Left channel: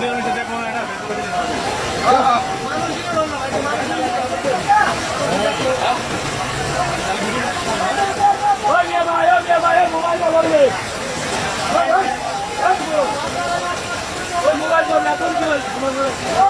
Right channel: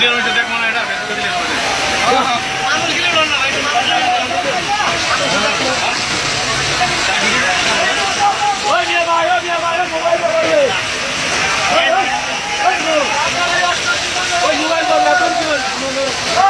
यहाँ नटेको न एडा फेसबुक दिस गर्दै हो ओ मान्छेले भन्दैछ राइट मान्छेले भन्दैछ ओ मेरो आयो मेरो आयो ओ आयो भर्ले ओ यु मान्छेको